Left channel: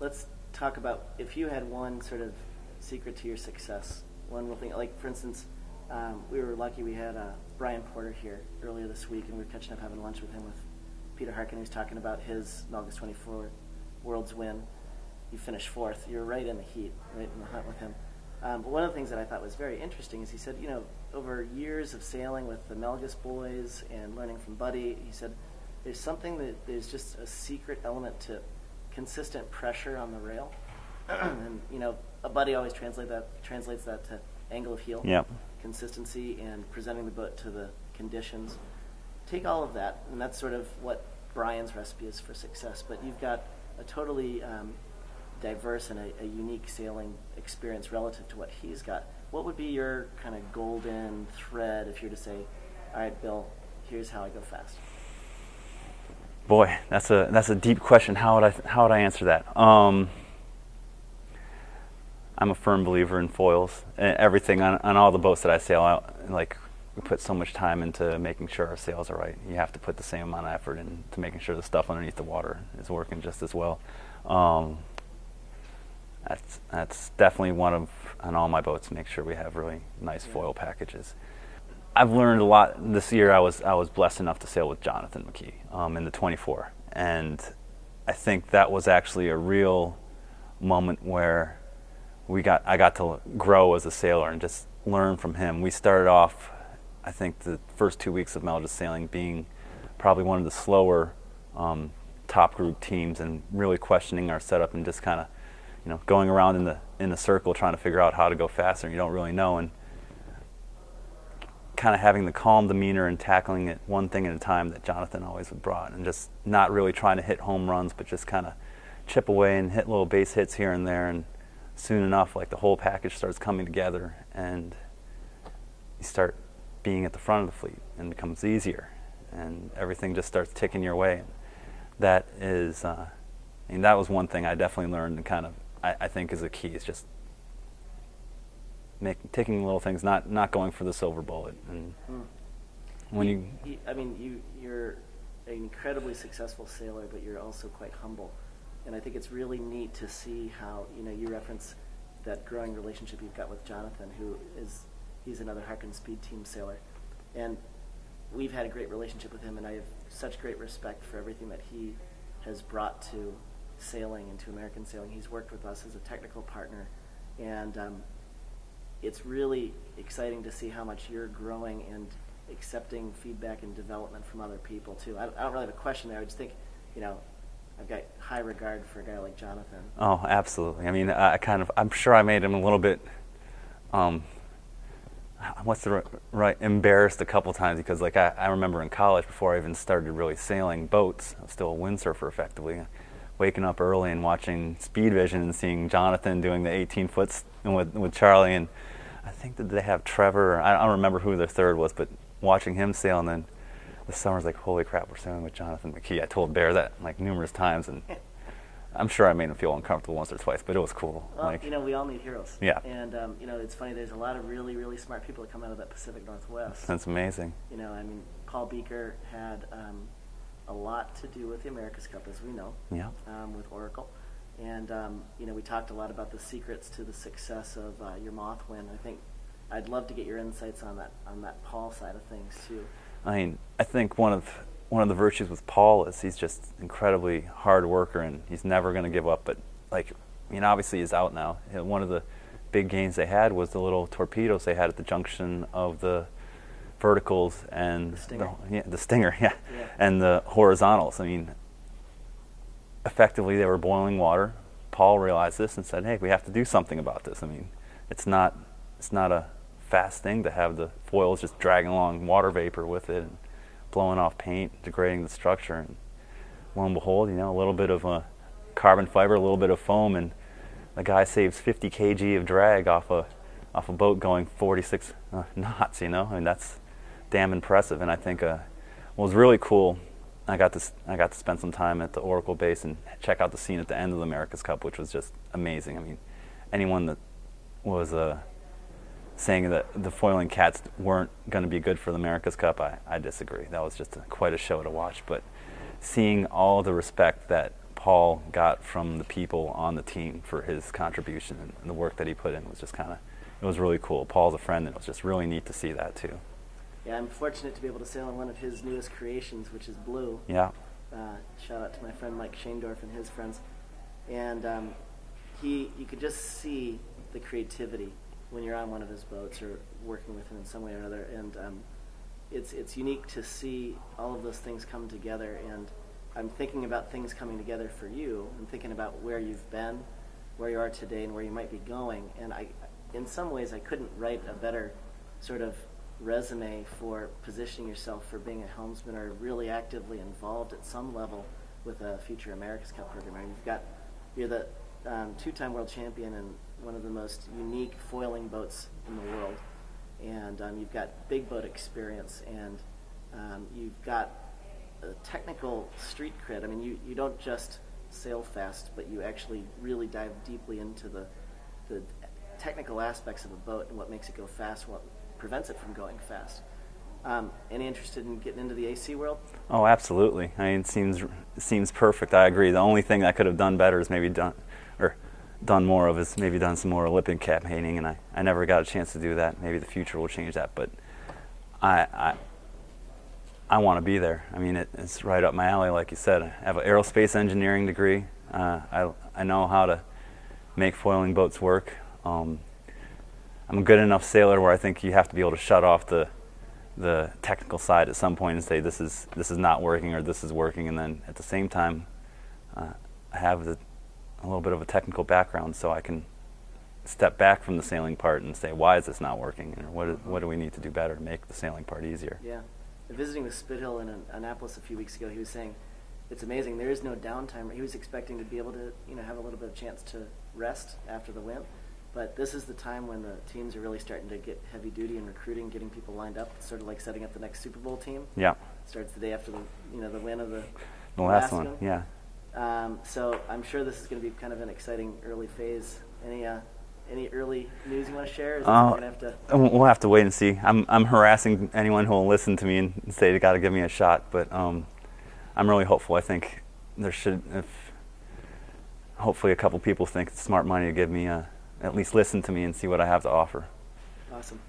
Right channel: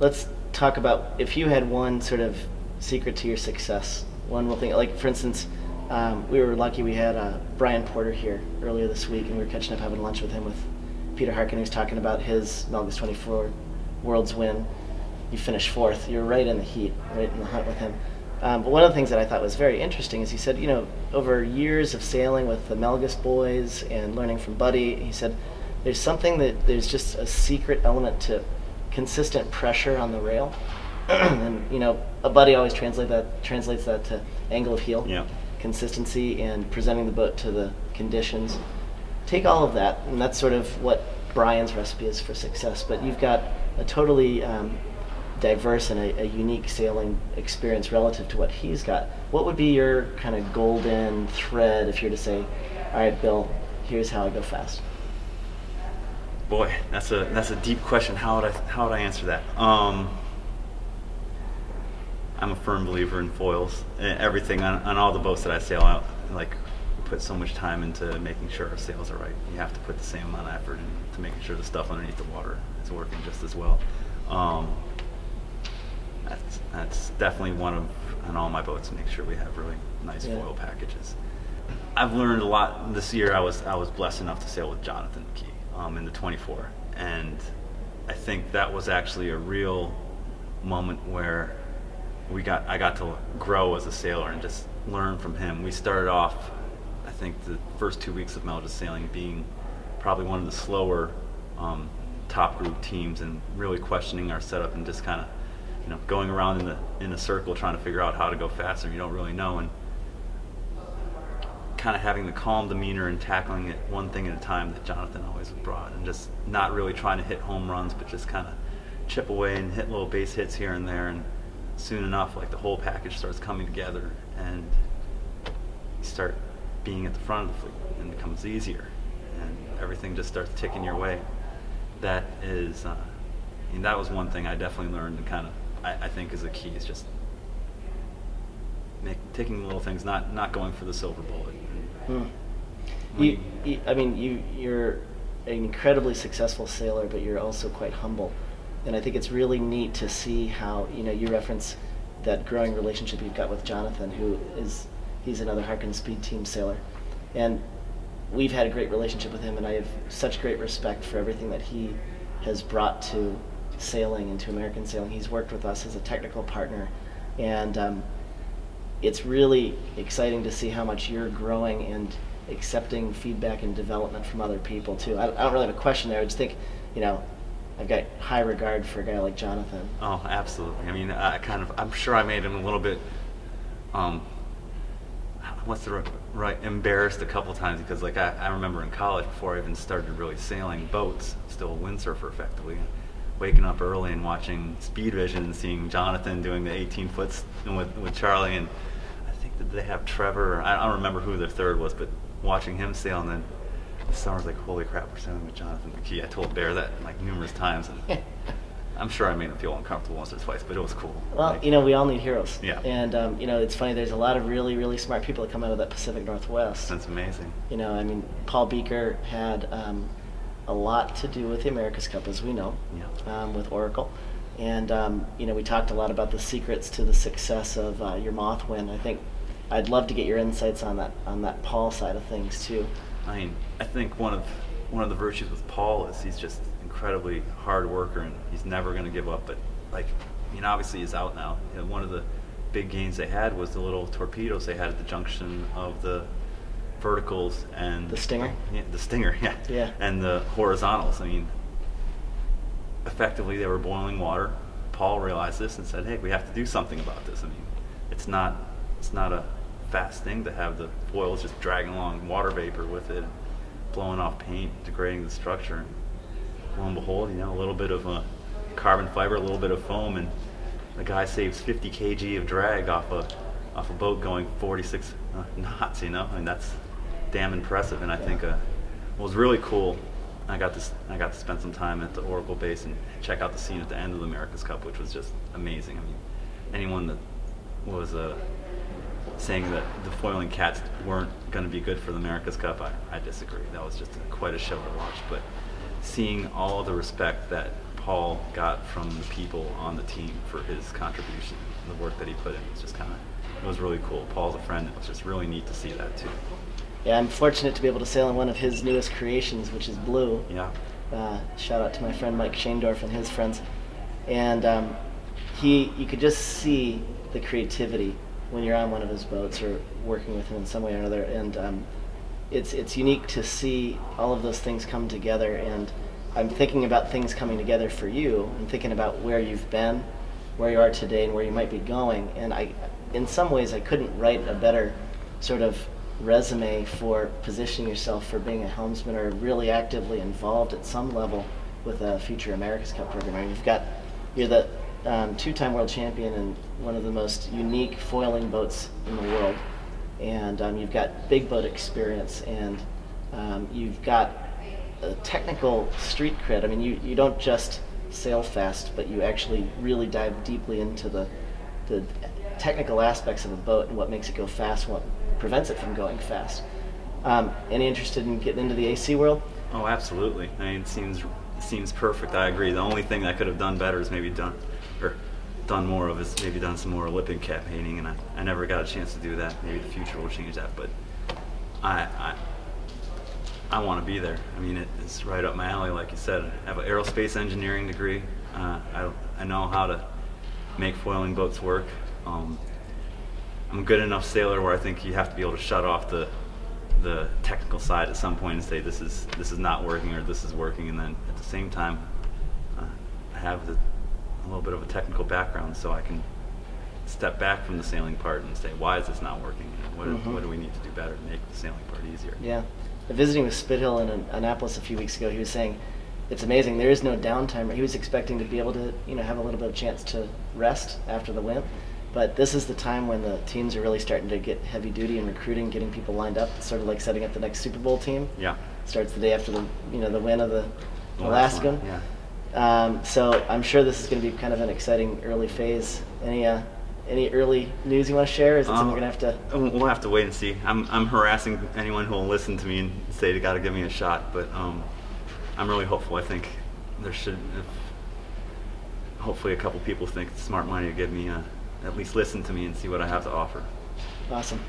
let's talk about if you had one sort of secret to your success. One real thing, like for instance, we were lucky we had Brian Porter here earlier this week, and we were catching up having lunch with him with Peter Harken. He was talking about his Melgus 24 Worlds win. You finished 4th. You're right in the heat, right in the hunt with him. But one of the things that I thought was very interesting is he said, you know, over years of sailing with the Melgus boys and learning from Buddy, he said there's something that there's just a secret element to consistent pressure on the rail. And, you know, a Buddy always translates that to angle of heel, yeah. consistency, and presenting the boat to the conditions. Take all of that, and that's sort of what Brian's recipe is for success. But you've got a totally diverse and a unique sailing experience relative to what he's got. What would be your kind of golden thread if you were to say, all right, Bill, here's how I go fast? Boy, that's a deep question. How would I answer that? I'm a firm believer in foils. Everything on all the boats that I sail, like, we put so much time into making sure our sails are right. You have to put the same amount of effort into making sure the stuff underneath the water is working just as well. That's definitely one of, on all my boats, make sure we have really nice foil packages. I've learned a lot this year. I was blessed enough to sail with Jonathan McKee in the 24, and I think that was actually a real moment where I got to grow as a sailor and just learn from him. We started off, I think, the first 2 weeks of Melgus sailing being probably one of the slower top group teams, and really questioning our setup and just kind of, you know, going around in a circle trying to figure out how to go faster. You don't really know, and kind of having the calm demeanor and tackling it one thing at a time that Jonathan always brought, and just not really trying to hit home runs, but just kind of chip away and hit little base hits here and there. And soon enough, like, the whole package starts coming together, and you start being at the front of the fleet, and it becomes easier, and everything just starts ticking your way. That is, and that was one thing I definitely learned, and kind of, I think is a key, is just taking the little things, not going for the silver bullet. I mean, you're an incredibly successful sailor, but you're also quite humble. And I think it's really neat to see how, you know, you reference that growing relationship you've got with Jonathan, he's another Harken Speed Team sailor. And we've had a great relationship with him, and I have such great respect for everything that he has brought to sailing and to American sailing. He's worked with us as a technical partner, and it's really exciting to see how much you're growing and accepting feedback and development from other people too. I don't really have a question there. I just think, you know, I've got high regard for a guy like Jonathan. Oh, absolutely. I mean, I'm sure I made him a little bit, what's the right, embarrassed a couple times, because, like, I remember in college, before I even started really sailing boats, I was still a windsurfer effectively, and waking up early and watching Speed Vision and seeing Jonathan doing the 18-foots with Charlie, and I think that they have Trevor, I don't remember who the third was, but watching him sail, and then this summer's like, holy crap, we're sailing with Jonathan McKee. I told Bear that like numerous times, and I'm sure I made him feel uncomfortable once or twice, but it was cool. Well, like, you know, we all need heroes. Yeah. And, you know, it's funny, there's a lot of really, really smart people that come out of that Pacific Northwest. That's amazing. You know, I mean, Paul Beaker had a lot to do with the America's Cup, as we know, with Oracle. And, you know, we talked a lot about the secrets to the success of your Moth win. I think I'd love to get your insights on that Paul side of things, too. I mean, I think one of the virtues with Paul is he's just incredibly hard worker, and he's never going to give up. But, like, I mean, obviously he's out now. You know, one of the big gains they had was the little torpedoes they had at the junction of the verticals and the Stinger. The Stinger, and the horizontals. I mean, effectively they were boiling water. Paul realized this and said, "Hey, we have to do something about this." I mean, it's not a fast thing to have the foils just dragging along water vapor with it, blowing off paint, degrading the structure. And lo and behold, you know, a little bit of carbon fiber, a little bit of foam, and the guy saves 50 kg of drag off a boat going 46 knots. You know, I mean, that's damn impressive. And I think what was really cool, I got to spend some time at the Oracle base and check out the scene at the end of the America's Cup, which was just amazing. I mean, anyone that was saying that the foiling cats weren't going to be good for the America's Cup, I disagree. That was just quite a show to watch. But seeing all the respect that Paul got from the people on the team for his contribution and the work that he put in. Was just kind of, it was really cool. Paul's a friend, and it was just really neat to see that too. Yeah, I'm fortunate to be able to sail in one of his newest creations, which is Blue. Yeah. Shout out to my friend Mike Shaendorf and his friends. And you could just see the creativity when you're on one of his boats or working with him in some way or another. And it's unique to see all of those things come together. And I'm thinking about things coming together for you. I'm thinking about where you've been, where you are today, and where you might be going. And in some ways, I couldn't write a better sort of resume for positioning yourself for being a helmsman or really actively involved at some level with a future America's Cup program. I mean, you're the two-time world champion and one of the most unique foiling boats in the world, and you've got big boat experience, and you've got a technical street cred. I mean, you don't just sail fast, but you actually really dive deeply into the technical aspects of a boat and what makes it go fast, what prevents it from going fast. Any interested in getting into the AC world? Oh, absolutely. I mean, it seems perfect. I agree. The only thing I could have done better is maybe done more of is maybe done some more Olympic campaigning, and I never got a chance to do that. Maybe the future will change that, but I want to be there. I mean, it's right up my alley, like you said. I have an aerospace engineering degree. I know how to make foiling boats work. I'm a good enough sailor where I think you have to be able to shut off the technical side at some point and say this is not working or this is working, and then at the same time I have a little bit of a technical background, so I can step back from the sailing part and say, why is this not working? And what do we need to do better to make the sailing part easier? Yeah. Visiting with Spithill in Annapolis a few weeks ago, he was saying it's amazing. There is no downtime. He was expecting to be able to have a little bit of chance to rest after the win. But this is the time when the teams are really starting to get heavy duty in recruiting, getting people lined up. It's sort of like setting up the next Super Bowl team. Yeah. Starts the day after the win of the last one. Yeah. So I'm sure this is going to be kind of an exciting early phase. Any early news you want to share? Is it something we're going to have to? We'll have to wait and see. I'm harassing anyone who will listen to me and say they got to give me a shot, but I'm really hopeful. I think there should, hopefully, a couple people think it's smart money to give me at least listen to me and see what I have to offer. Awesome.